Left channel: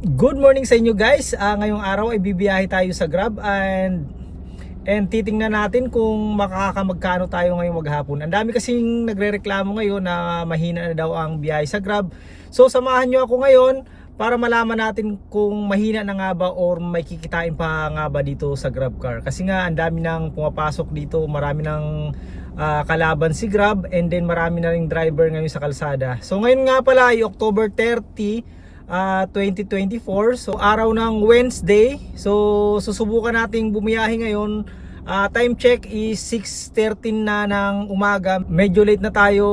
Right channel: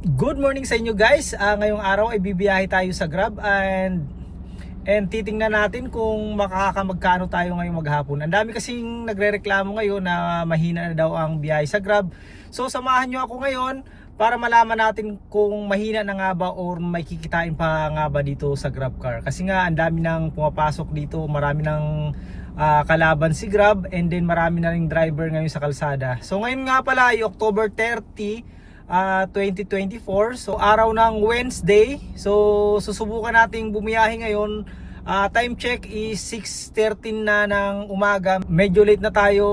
Good morning sa inyo guys. Ah, ngayong araw ay bibiyahe tayo sa Grab and and titingnan natin kung makakamagkano tayo ngayong maghapon. Ang dami kasing nagrereklamo ngayon na mahina na daw ang biyahe sa Grab. So samahan nyo ako ngayon para malaman natin kung mahina na nga ba or may kikitain pa nga ba dito sa Grab car. Kasi nga ang dami nang pumapasok dito, marami nang ah, kalaban si Grab and then marami na ring driver ngayon sa kalsada. So ngayon nga pala ay October 30 ah, 2024. So araw ng Wednesday. So susubukan nating bumiyahe ngayon. Ah, time check is 6.13 na ng umaga. Medyo late na tayo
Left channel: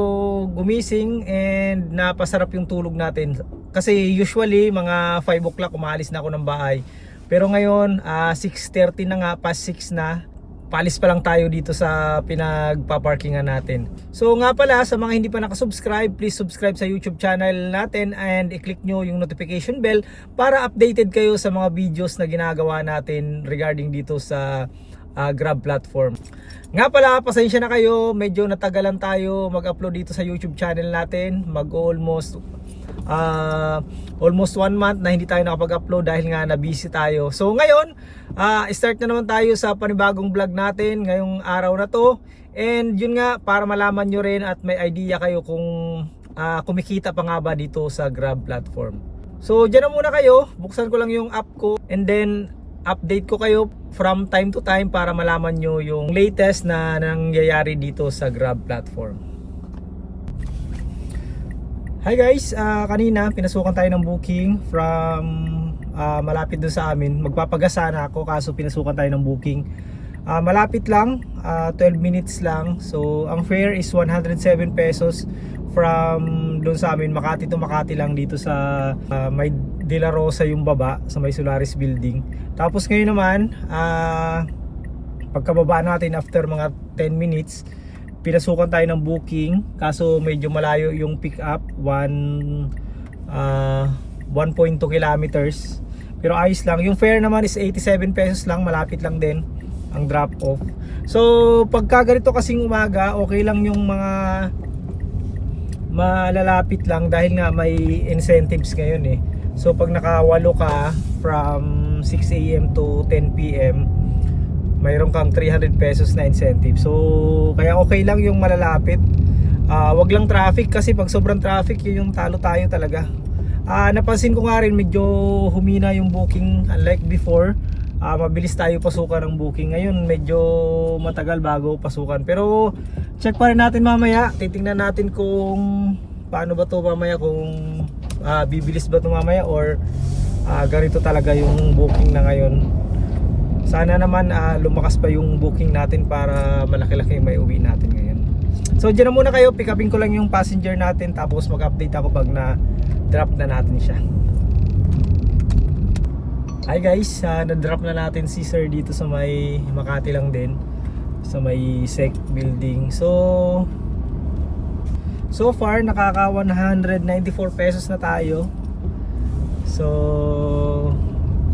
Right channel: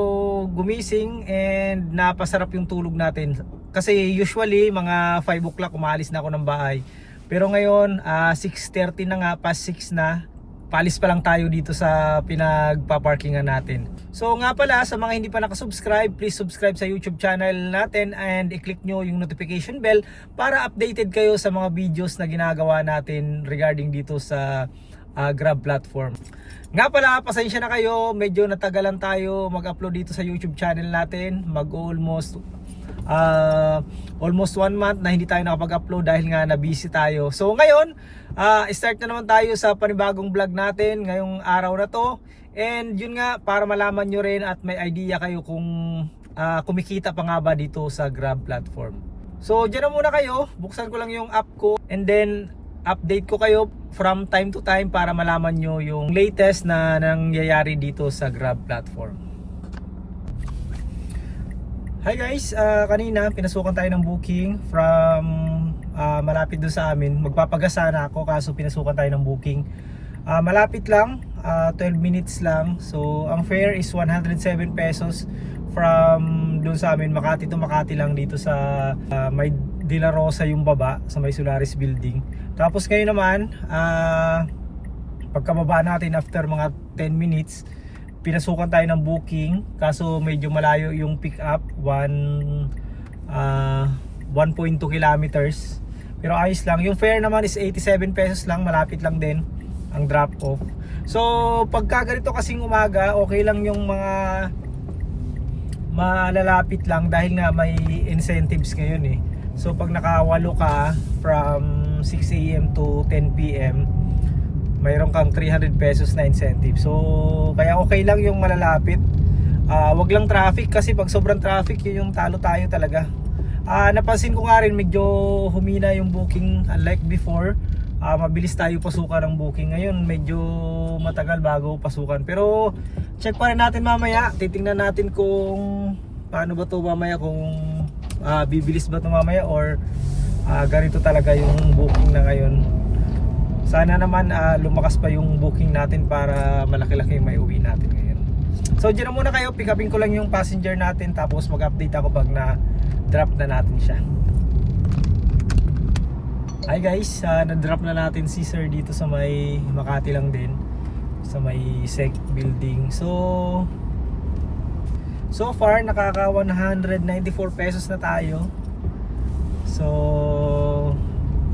gumising and napasarap yung tulog natin. Kasi usually mga 5 o'clock umalis na ako ng bahay. Pero ngayon ah, 6.30 na nga, past 6 na palis pa lang tayo dito sa pinagpaparkingan natin. So nga pala sa mga hindi pa nakasubscribe, please subscribe sa YouTube channel natin and i-click nyo yung notification bell para updated kayo sa mga videos na ginagawa natin regarding dito sa ah, Grab platform. Nga pala, pasensya na kayo, medyo natagalan tayo mag-upload dito sa YouTube channel natin. Mag-almost ah almost one month na hindi tayo nakapag-upload dahil nga na-busy tayo. So ngayon, ah start na naman tayo sa panibagong vlog natin ngayong araw na to. And yun nga, para malaman nyo rin at may idea kayo kung ah, kumikita pa nga ba dito sa Grab platform. So dyan na muna kayo, buksan ko lang yung app ko and then update ko kayo from time to time para malaman nyo yung latest na nangyayari dito sa Grab platform. Hi guys, ah, kanina pinasukan tayo ng booking from ah, malapit doon sa amin. Magpapagasa na ako kaso pinasukan tayo ng booking. Ah, malapit lang, ah, 12 minutes lang. So ang fare is 107 pesos from doon sa amin Makati to Makati lang dito sa ah, may De La Rosa yung baba sa may Solaris building. Tapos ngayon naman, ah pagkababa natin after mga 10 minutes, pinasukan tayo ng booking kaso medyo malayo yung pick up 1 ah, 1.2 kilometers. Pero ayos lang yung fare naman is 87 pesos lang malapit lang din ang drop off so pagka ganito kasing umaga okay lang yung mga malalapit lang dahil nga may incentives ngayon eh. So pag nakawalo ka from 6am to 10pm mayroon kang 300 pesos na incentive. So, kaya okay lang yung malalapit. Ah, wag lang traffic kasi pag sobrang traffic, yun yung talo tayo talaga. Ah, napansin ko nga rin medyo humina yung booking unlike before. Ah, mabilis tayo pasukan ng booking. Ngayon, medyo matagal bago pasukan. Pero check pa rin natin mamaya. Titingnan natin kung paano ba to mamaya kung ah, bibilis ba to mamaya or ah, ganito talaga yung booking na ngayon. Sana naman ah, lumakas pa yung booking natin para malaki-laki yung may uwi natin ngayon. So dyan na muna kayo, pick upin ko lang yung passenger natin tapos mag-update ako pag na drop na natin siya. Hi guys, ah, na-drop na natin si sir dito sa may Makati lang din sa may SEC building. So so far nakaka 194 pesos na tayo. So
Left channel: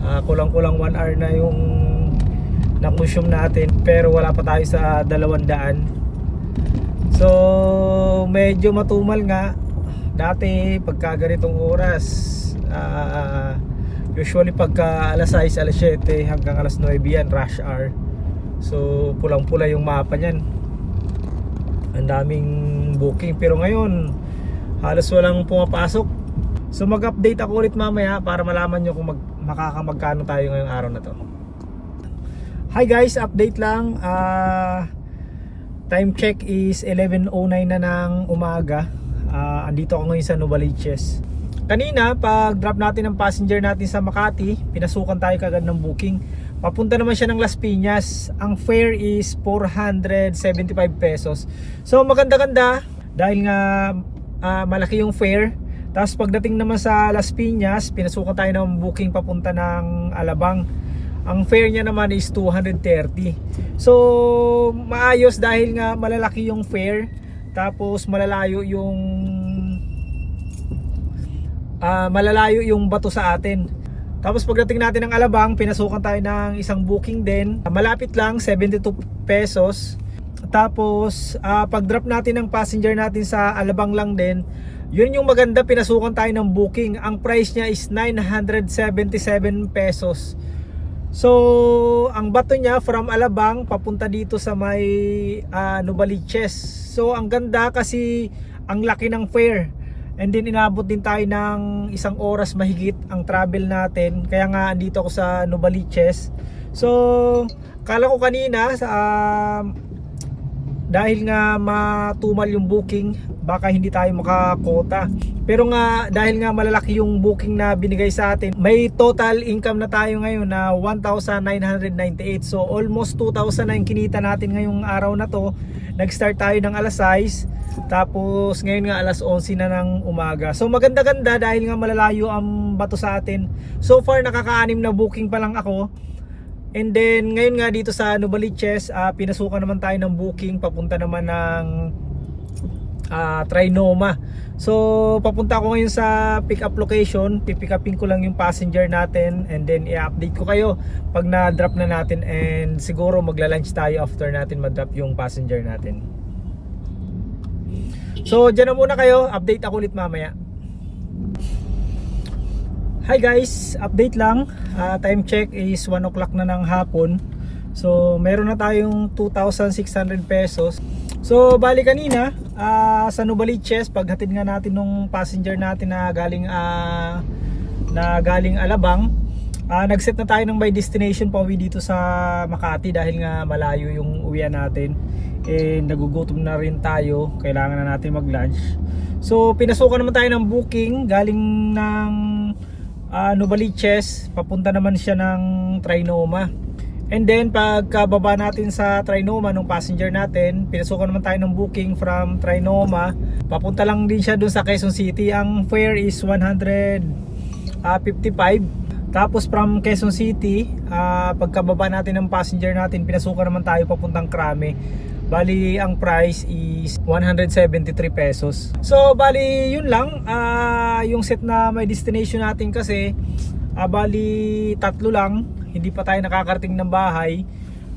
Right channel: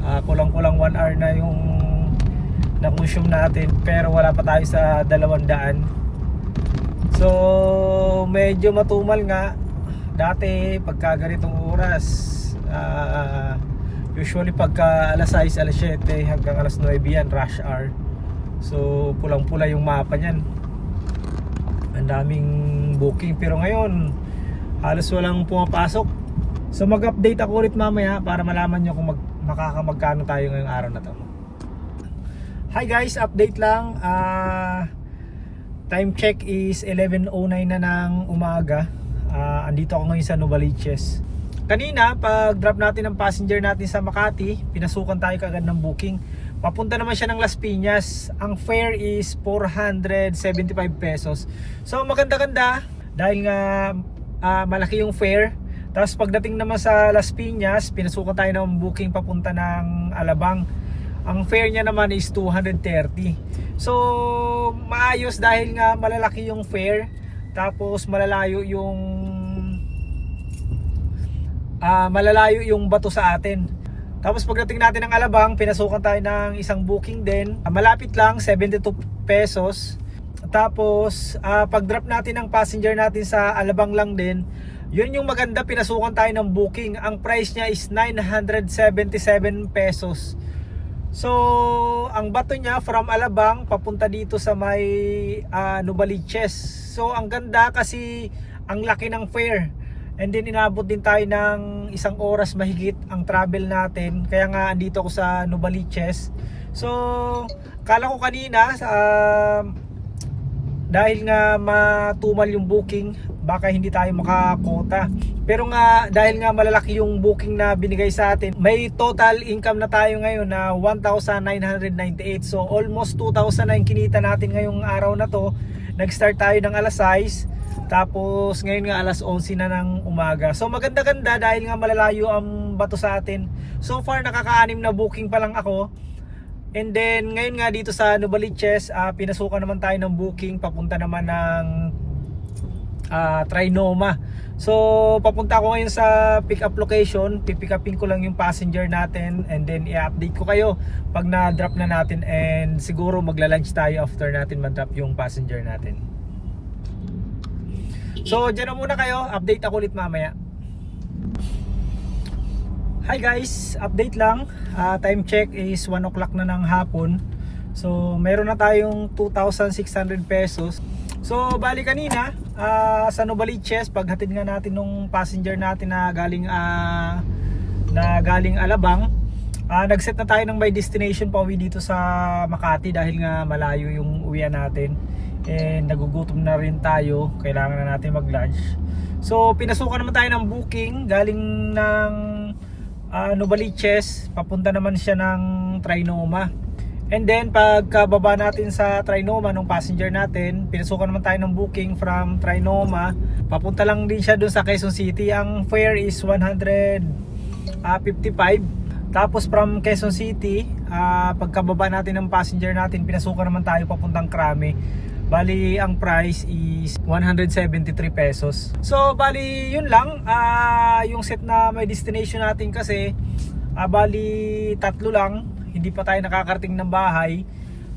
ah, kulang-kulang 1 hour na yung na-consume natin pero wala pa tayo sa 200 so medyo matumal nga. Dati pagka ganitong oras ah, usually pagka alas 6, alas 7 hanggang alas 9 yan rush hour. So pulang pula yung mapa nyan ang daming booking. Pero ngayon halos walang pumapasok. So mag update ako ulit mamaya para malaman nyo kung mag, makakamagkano tayo ngayong araw na to Hi guys, update lang. Ah time check is 11.09 na ng umaga. Ah andito ako ngayon sa Novaliches. Kanina, pag drop natin ng passenger natin sa Makati, pinasukan tayo kagad ng booking. Papunta naman siya ng Las Piñas. Ang fare is 475 pesos. So maganda-ganda dahil nga ah, malaki yung fare. Tapos pagdating naman sa Las Piñas, pinasukan tayo ng booking papunta ng Alabang ang fare niya naman is 230 so maayos dahil nga malalaki yung fare. Tapos malalayo yung ah, malalayo yung bato sa atin. Tapos pagdating natin ng Alabang pinasukan tayo ng isang booking din. Malapit lang 72 pesos. Tapos ah, pag drop natin ng passenger natin sa Alabang lang din Yun yung maganda, pinasukan tayo ng booking. Ang price niya is 977 pesos. So, ang bato niya from Alabang papunta dito sa may uh, Novaliches. So, ang ganda kasi ang laki ng fare. And then inabot din tayo ng isang oras mahigit ang travel natin. Kaya nga andito ako sa Novaliches. So, kala ko kanina uh, dahil nga matumal yung booking, baka hindi tayo makakota. Pero nga dahil nga malalaki yung booking na binigay sa atin, may total income na tayo ngayon na 1,998. So almost 2,000 na yung kinita natin ngayong araw na to. Nag-start tayo ng alas 6 tapos ngayon nga alas 11 na ng umaga. So maganda-ganda dahil nga malalayo ang bato sa atin. So far nakaka-anim na booking pa lang ako. And then ngayon nga dito sa Novaliches, uh, pinasukan naman tayo ng booking papunta naman ng uh, Trinoma. So papunta ako ngayon sa pick up location, pipick upin ko lang yung passenger natin and then i-update ko kayo pag na-drop na natin and siguro magla-lunch tayo after natin ma-drop yung passenger natin. So dyan na muna kayo, update ako ulit mamaya. Hi guys, update lang. Uh, time check is 1 o'clock na ng hapon. So, meron na tayong 2,600 pesos. So, bali kanina, uh, sa Novaliches, paghatid nga natin nung passenger natin na galing uh, na galing Alabang, uh, nag-set na tayo ng by destination pauwi dito sa Makati dahil nga malayo yung uwian natin. Eh, nagugutom na rin tayo. Kailangan na natin mag-lunch. So, pinasukan naman tayo ng booking galing ng uh, Novaliches, papunta naman siya ng Trinoma. And then pagkababa natin sa Trinoma nung passenger natin, pinasukan naman tayo ng booking from Trinoma. Papunta lang din siya dun sa Quezon City. Ang fare is 155. Tapos from Quezon City, uh, pagkababa natin ng passenger natin, pinasukan naman tayo papuntang Krame. Bali, ang price is 173 pesos. So, bali, yun lang. Uh, yung set na may destination natin kasi, uh, bali, tatlo lang. Hindi pa tayo nakakarating ng bahay.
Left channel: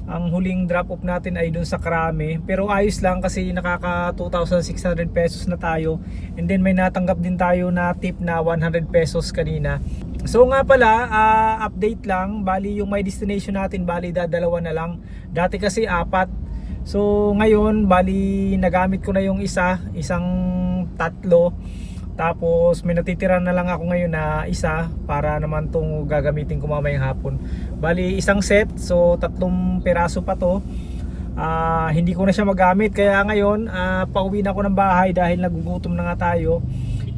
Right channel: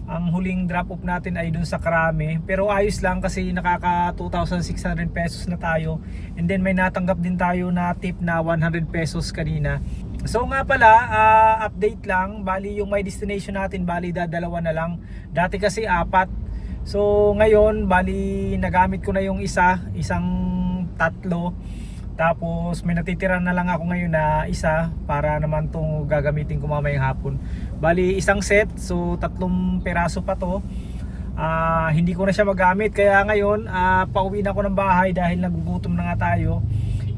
Ang huling drop off natin ay dun sa Krame. Pero ayos lang kasi nakaka 2,600 pesos na tayo. And then may natanggap din tayo na tip na 100 pesos kanina. So nga pala, uh, update lang. Bali yung may destination natin, bali dadalawa na lang. Dati kasi apat. So ngayon, bali nagamit ko na yung isa, isang tatlo. Tapos may natitira na lang ako ngayon na isa para naman tong gagamitin ko mamayang hapon. Bali isang set, so tatlong peraso pa to. Uh, hindi ko na siya magamit kaya ngayon uh, pauwi na ako ng bahay dahil nagugutom na nga tayo.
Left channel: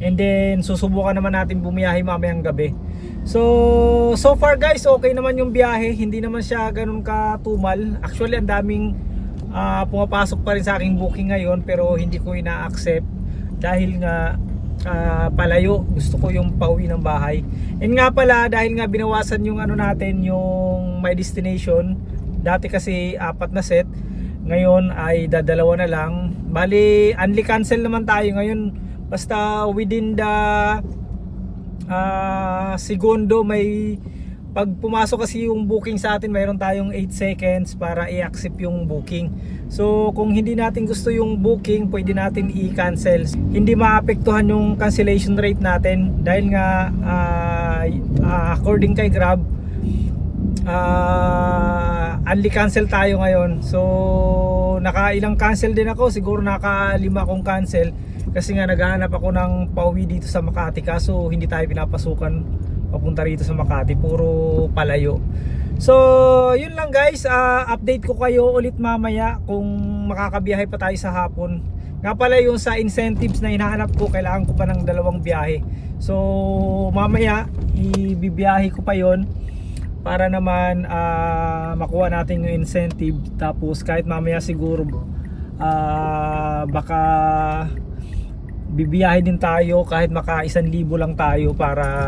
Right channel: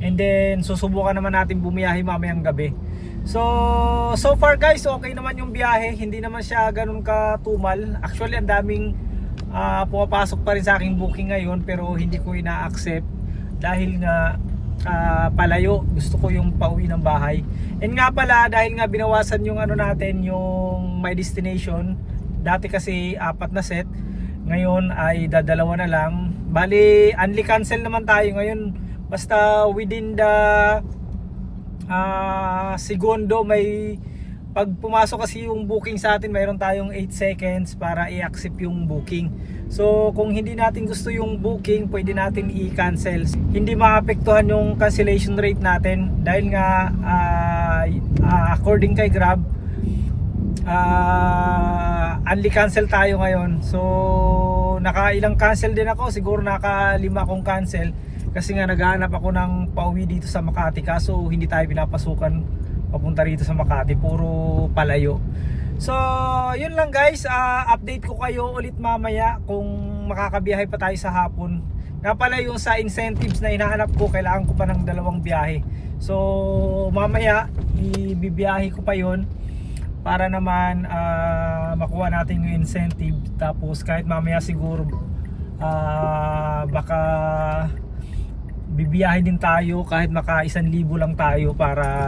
And then susubukan naman natin bumiyahe mamayang gabi. So so far guys, okay naman yung biyahe, hindi naman siya ganun katumal. Actually ang daming uh, pumapasok pa rin sa aking booking ngayon pero hindi ko ina-accept dahil nga uh, palayo. Gusto ko yung pauwi ng bahay. And nga pala dahil nga binawasan yung ano natin yung my destination dati kasi apat na set ngayon ay dadalawa na lang. Bali unli cancel naman tayo ngayon. Basta within the uh, segundo may pag pumasok kasi yung booking sa atin mayroon tayong 8 seconds para i-accept yung booking so kung hindi natin gusto yung booking pwede natin i-cancel. Hindi maapektuhan yung cancellation rate natin dahil nga uh, uh, according kay Grab uh, only cancel tayo ngayon. So nakailang cancel din ako. Siguro naka lima akong cancel kasi nga naghahanap ako ng pauwi dito sa Makati. Kaso hindi tayo pinapasukan papunta rito sa Makati. Puro palayo so yun lang guys. Uh, update ko kayo ulit mamaya kung makakabiyahe pa tayo sa hapon. Nga pala yung sa incentives na hinahanap ko kailangan ko pa ng dalawang biyahe. So mamaya ibibiyahe ko pa yon para naman uh, makuha natin yung incentive. Tapos kahit mamaya siguro uh, baka bibiyahe din tayo kahit maka 1,000 lang tayo para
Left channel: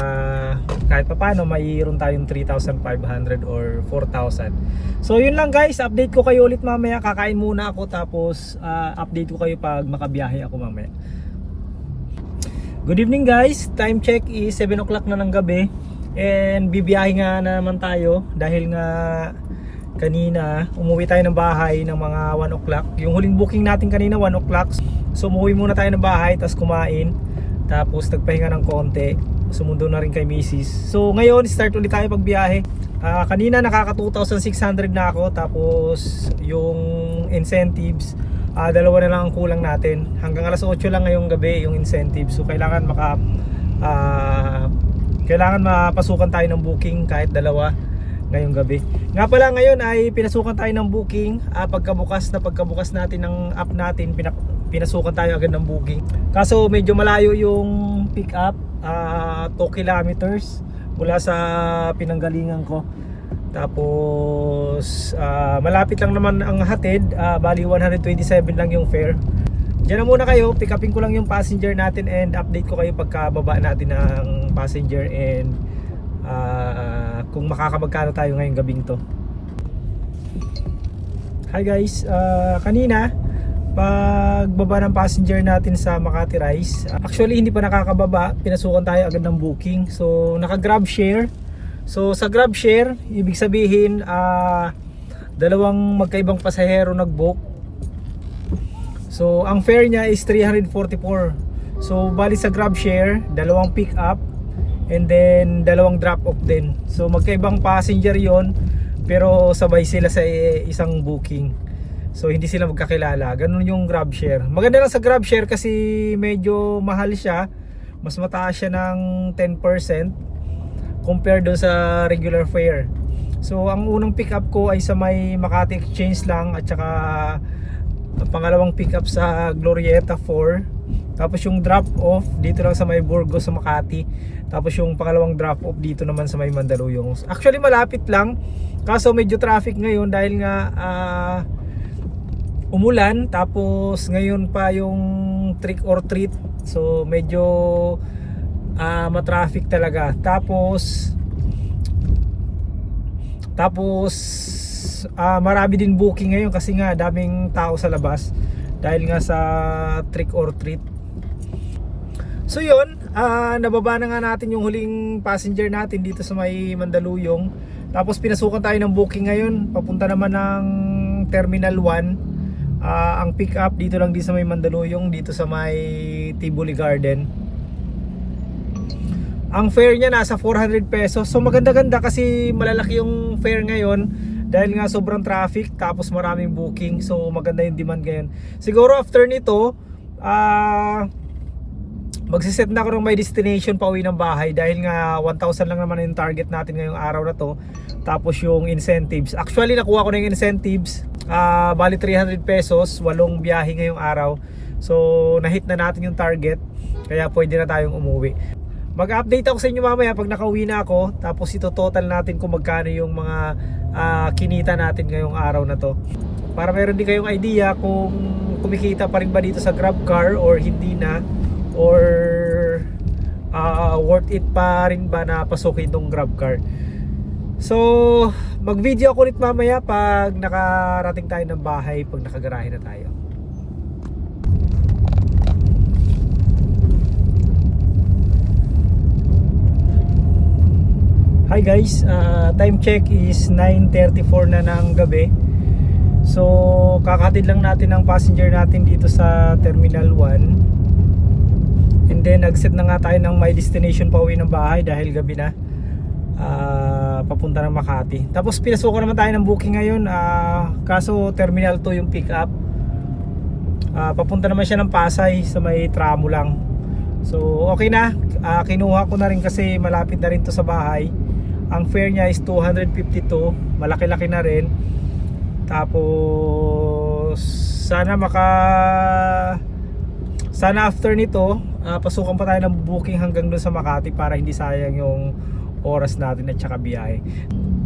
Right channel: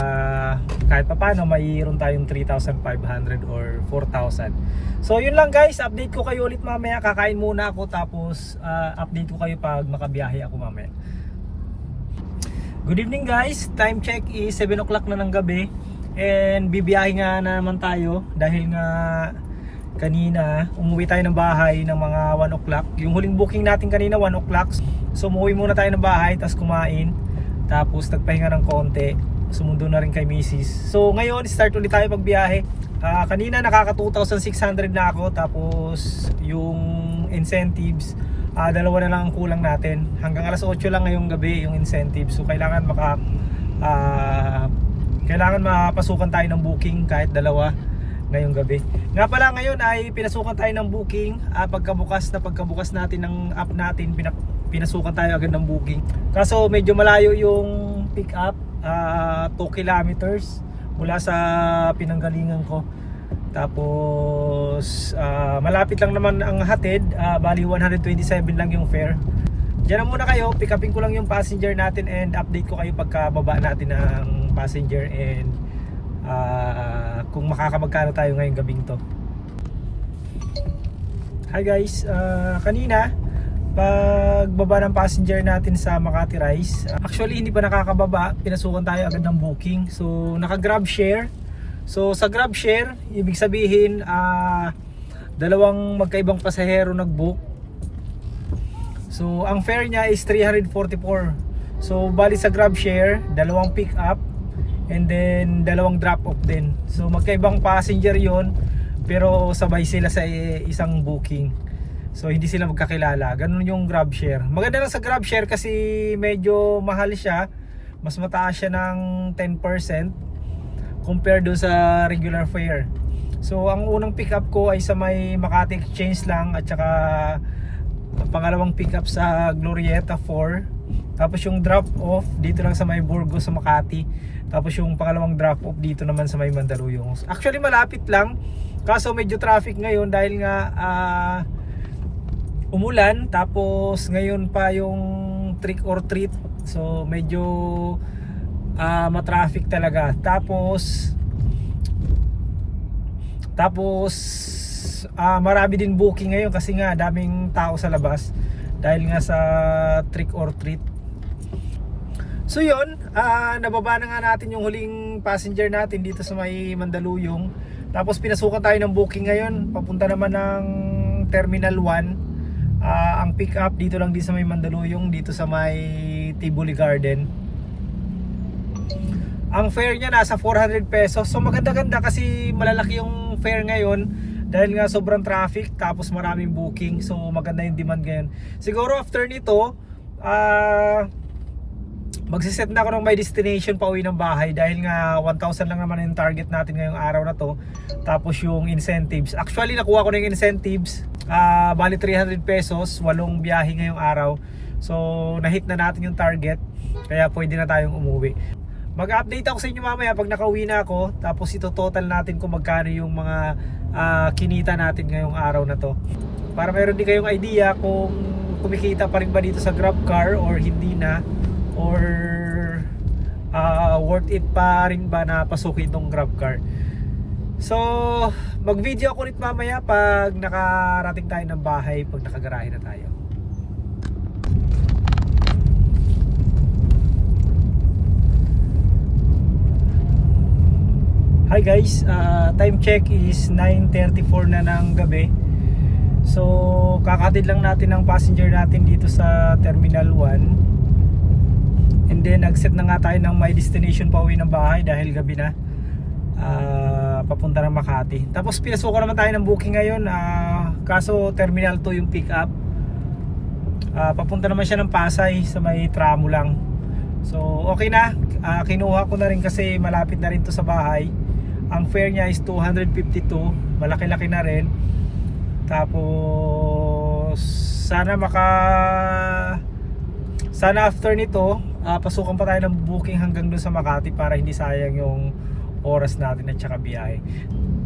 kahit pa paano mayroon tayong 3,500 or 4,000 so yun lang guys. Update ko kayo ulit mamaya. Kakain muna ako tapos uh, update ko kayo pag makabiyahe ako mamaya. Good evening guys. Time check is 7 o'clock na ng gabi. And bibiyahe nga na naman tayo dahil nga kanina umuwi tayo ng bahay ng mga 1 o'clock yung huling booking natin kanina 1 o'clock so umuwi muna tayo ng bahay tapos kumain Tapos nagpahinga ng konti. Sumundo na rin kay Mrs. So ngayon start ulit tayo pagbiyahe. Ah, kanina nakaka 2,600 na ako tapos yung incentives ah, dalawa na lang ang kulang natin. Hanggang alas 8 lang ngayong gabi yung incentives. So kailangan maka ah, kailangan mapasukan tayo ng booking kahit dalawa ngayong gabi. Nga pala ngayon ay pinasukan tayo ng booking ah, pagkabukas na pagkabukas natin ng app natin pinak- pinasukan tayo agad ng booking. Kaso medyo malayo yung pick up ah 2 kilometers mula sa pinanggalingan ko. Tapos ah, malapit lang naman ang hatid, ah, bali 127 lang yung fare. Diyan na muna kayo, pick upin ko lang yung passenger natin and update ko kayo pagkababa natin ng passenger and ah, kung makakapagkano tayo ngayong gabing to. Hi guys, Ah, kanina pagbaba ng passenger natin sa Makati Rise, actually hindi pa nakakababa, pinasukan tayo agad ng booking. So naka grab share. So sa grab share, ibig sabihin ah, dalawang magkaibang pasahero nag-book So, ang fare niya is 344. So, bali sa grab share, dalawang pick up and then dalawang drop off din. So, magkaibang passenger 'yon pero sabay sila sa isang booking. So, hindi sila magkakilala. Ganun yung grab share. Maganda lang sa grab share kasi medyo mahal siya. Mas mataas siya ng 10% compared doon sa regular fare. So, ang unang pick up ko ay sa may Makati Exchange lang at saka ang pangalawang pick up sa Glorieta 4 tapos yung drop off dito lang sa may Burgos sa Makati tapos yung pangalawang drop off dito naman sa may Mandaluyong. Actually malapit lang. Kaso medyo traffic ngayon dahil nga ah, umulan. Tapos ngayon pa yung trick or treat. So medyo ah, matraffic talaga. Tapos tapos ah, marami din booking ngayon kasi nga daming tao sa labas. Dahil nga sa trick or treat. So yun, ah, nababa na nga natin yung huling passenger natin dito sa may Mandaluyong. Tapos pinasukan tayo ng booking ngayon, papunta naman ng Terminal 1. Ah, ang pick up dito lang din sa may Mandaluyong, dito sa may Tivoli Garden. Ang fare niya nasa 400 pesos. So maganda-ganda kasi malalaki yung fare ngayon dahil nga sobrang traffic tapos maraming booking. So maganda yung demand ngayon. Siguro after nito, ah magsiset na ako ng my destination pa uwi ng bahay dahil nga 1,000 lang naman yung target natin ngayong araw na to. Tapos yung incentives. Actually nakuha ko na yung incentives. ah bali 300 pesos, walong biyahe ngayong araw. So na-hit na natin yung target. Kaya pwede na tayong umuwi. Mag-update ako sa inyo mamaya pag nakauwi na ako tapos ito total natin kung magkano yung mga ah, kinita natin ngayong araw na to. Para meron din kayong idea kung kumikita pa rin ba dito sa Grab car or hindi na or ah, worth it pa rin ba na pasukin itong Grab car. So, mag-video ako ulit mamaya pag nakarating tayo ng bahay, pag nakagarahe na tayo. Hi guys, ah, time check is 9.34 na ng gabi So kakatid lang natin ang passenger natin dito sa Terminal 1 And then nag-set na nga tayo ng my destination pa uwi ng bahay dahil gabi na. Ah, Papunta ng Makati. Tapos pinasuko naman tayo ng booking ngayon. Ah, Kaso Terminal 2 yung pick up Ah, Papunta naman siya ng Pasay sa may tramo lang. So okay na. Ah, Kinuha ko na rin kasi malapit na rin to sa bahay. Ang fare niya is 252 malaki-laki na rin. Tapos sana maka sana after nito ah, pasukan pa tayo ng booking hanggang doon sa Makati para hindi sayang yung oras natin at saka biyahe.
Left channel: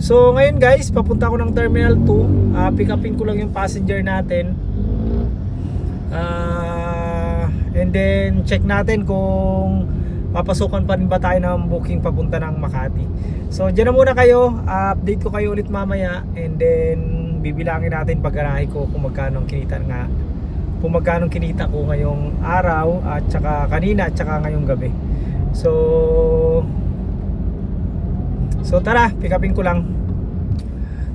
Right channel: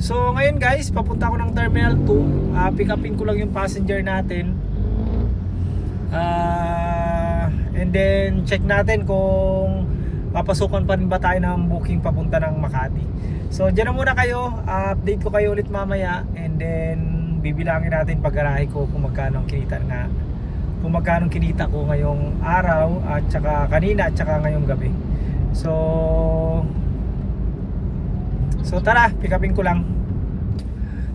So ngayon guys papunta ako ng Terminal 2 Ah, pick upin ko lang yung passenger natin. Ah, and then check natin kung papasukan pa rin ba tayo ng booking papunta ng Makati. So dyan na muna kayo, Ah, update ko kayo ulit mamaya. And then bibilangin natin pag-arahe ko kung magkano ang kinita nga kung magkano kinita ko ngayong araw at saka kanina at saka ngayong gabi. So So tara, pick upin ko lang.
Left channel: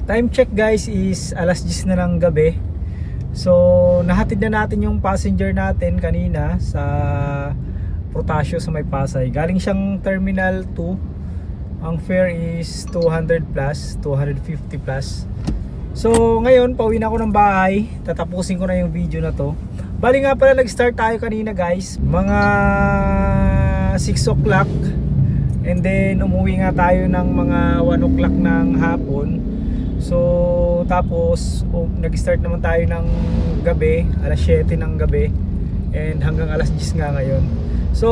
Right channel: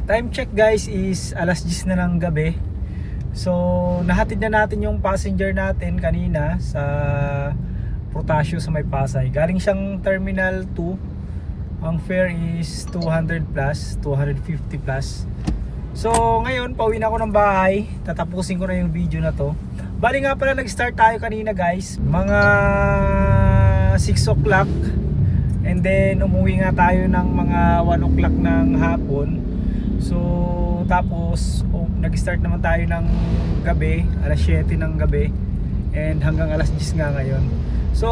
Time check guys is alas 10 na ng gabi. So nahatid na natin yung passenger natin kanina sa Protasio sa may Pasay. Galing siyang Terminal 2. Ang fare is 200 plus, 250 plus. So ngayon, pauwi na ako ng bahay. Tatapusin ko na yung video na to. Bali nga pala nag-start tayo kanina guys. Mga 6 o'clock. And then umuwi nga tayo ng mga 1 o'clock ng hapon. So tapos oh, nag-start naman tayo ng gabi, alas 7 ng gabi. And hanggang alas 10 nga ngayon. So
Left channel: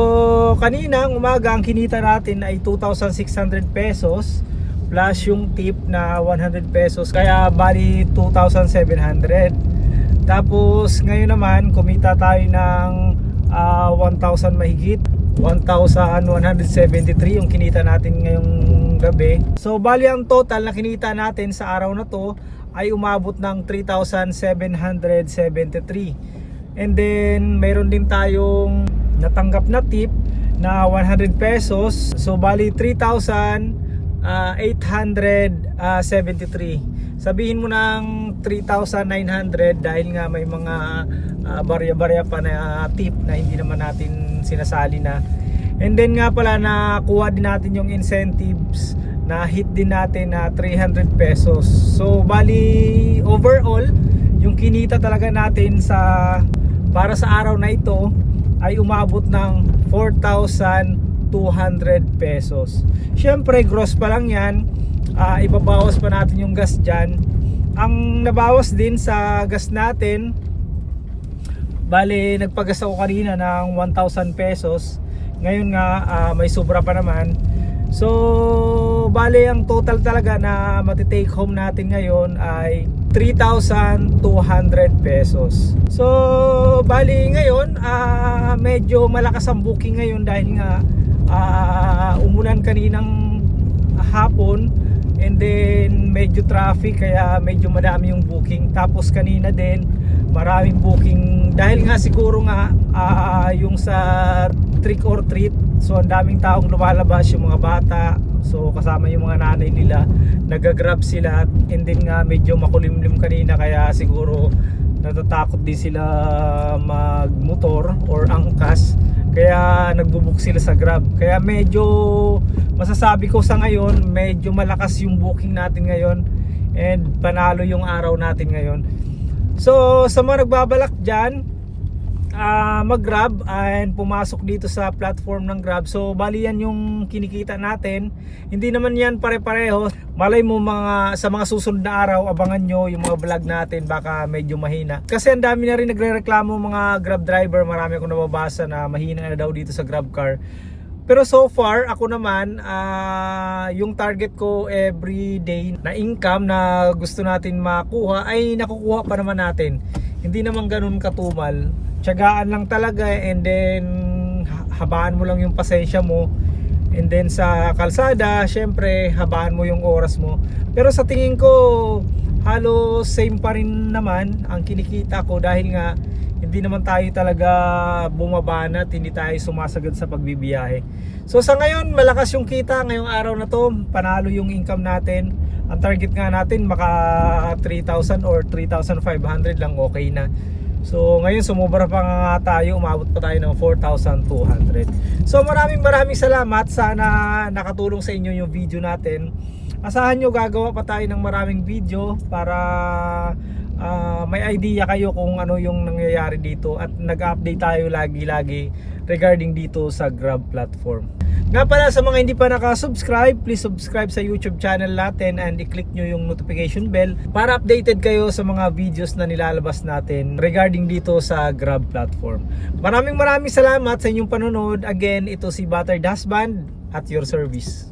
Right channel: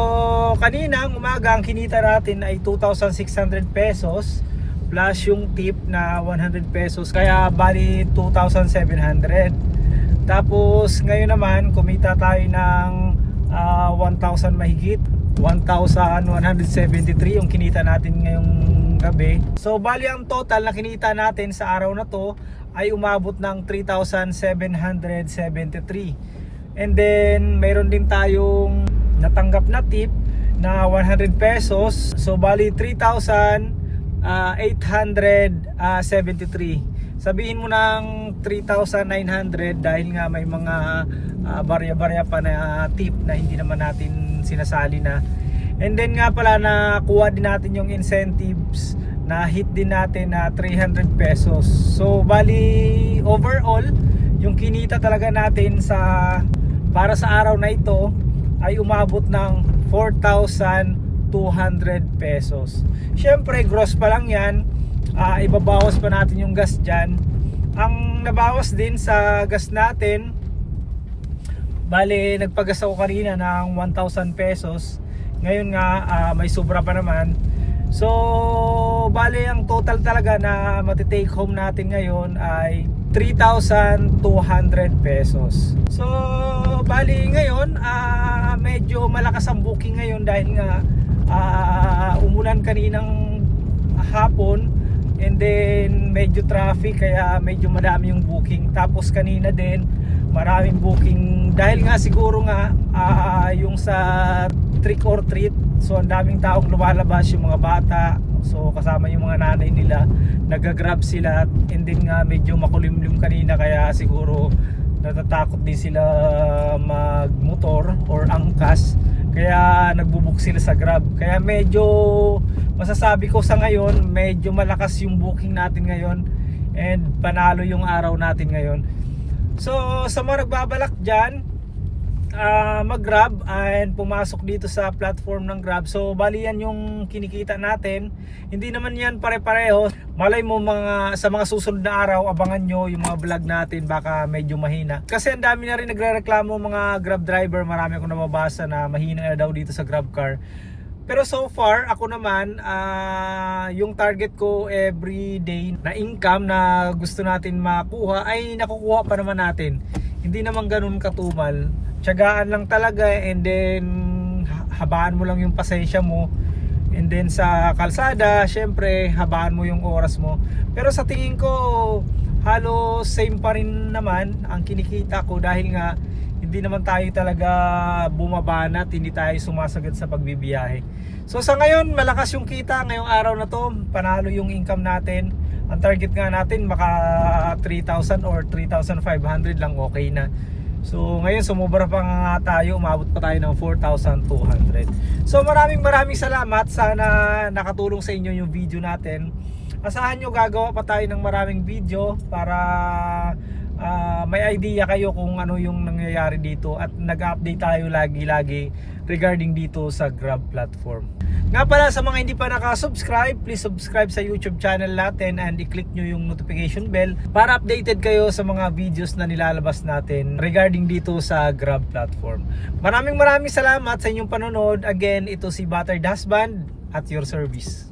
kanina umaga ang kinita natin ay 2,600 pesos plus yung tip na 100 pesos. Kaya bali 2,700 tapos ngayon naman kumita tayo ng ah, 1,000 mahigit. 1,173 yung kinita natin ngayong gabi. So bali ang total na kinita natin sa araw na to ay umabot ng 3,773 and then meron din tayong natanggap na tip na 100 pesos. So bali 3,000 ah, 873 sabihin mo ng 3,900 dahil nga may mga ah, barya-barya pa na ah, tip na hindi naman natin sinasali na. And then nga pala nakuha din natin yung incentives na hit din natin na 300 pesos. So bali overall yung kinita talaga natin sa para sa araw na ito ay umabot ng 4,200 pesos. Syempre, gross pa lang yan. Ah, ibabawas pa natin yung gas dyan. Ang nabawas din sa gas natin, bale, nagpagas ako kanina ng 1,000 pesos. Ngayon nga, ah, may sobra pa naman. So, bale, ang total talaga na matitake home natin ngayon ay 3,200 pesos. So, bali ngayon, ah, medyo malakas ang booking ngayon dahil nga ah, umulan kaninang hapon and then medyo traffic kaya medyo madami yung booking. Tapos kanina din, maraming booking. Dahil nga siguro nga ah, yung sa trick or treat so ang daming taong lumalabas yung mga bata. So kasama yung mga nanay nila nagagrab sila and then nga medyo makulimlim kanina kaya siguro natatakot din sila magmotor or angkas kaya nagbubuk sila sa grab. Kaya medyo masasabi ko sa ngayon medyo malakas yung booking natin ngayon and panalo yung araw natin ngayon. So sa mga nagbabalak dyan ah, mag-grab and pumasok dito sa platform ng Grab. So bali yan yung kinikita natin. Hindi naman yan pare-pareho. Malay mo mga sa mga susunod na araw abangan nyo yung mga vlog natin baka medyo mahina. Kasi ang dami na rin nagrereklamo mga Grab driver. Marami akong nababasa na mahina na daw dito sa Grab car. Pero so far, ako naman, ah, yung target ko every day na income na gusto natin makuha ay nakukuha pa naman natin. Hindi naman ganun katumal. Tiyagaan lang talaga and then ha- habaan mo lang yung pasensya mo. And then sa kalsada, syempre, habaan mo yung oras mo. Pero sa tingin ko, halos same pa rin naman ang kinikita ko dahil nga hindi naman tayo talaga bumabanat, hindi tayo sumasagad sa pagbibiyahe. So sa ngayon, malakas yung kita ngayong araw na to, panalo yung income natin. Ang target nga natin maka 3,000 or 3,500 lang okay na. So ngayon sumubra pa nga tayo, umabot pa tayo ng 4,200. So maraming maraming salamat, sana nakatulong sa inyo yung video natin. Asahan nyo gagawa pa tayo ng maraming video para ah, may idea kayo kung ano yung nangyayari dito at nag-update tayo lagi-lagi regarding dito sa Grab platform. Nga pala sa mga hindi pa nakasubscribe, please subscribe sa YouTube channel natin and i-click nyo yung notification bell para updated kayo sa mga videos na nilalabas natin regarding dito sa Grab platform. Maraming maraming salamat sa inyong panonood. Again, ito si Butter Dasband at your service.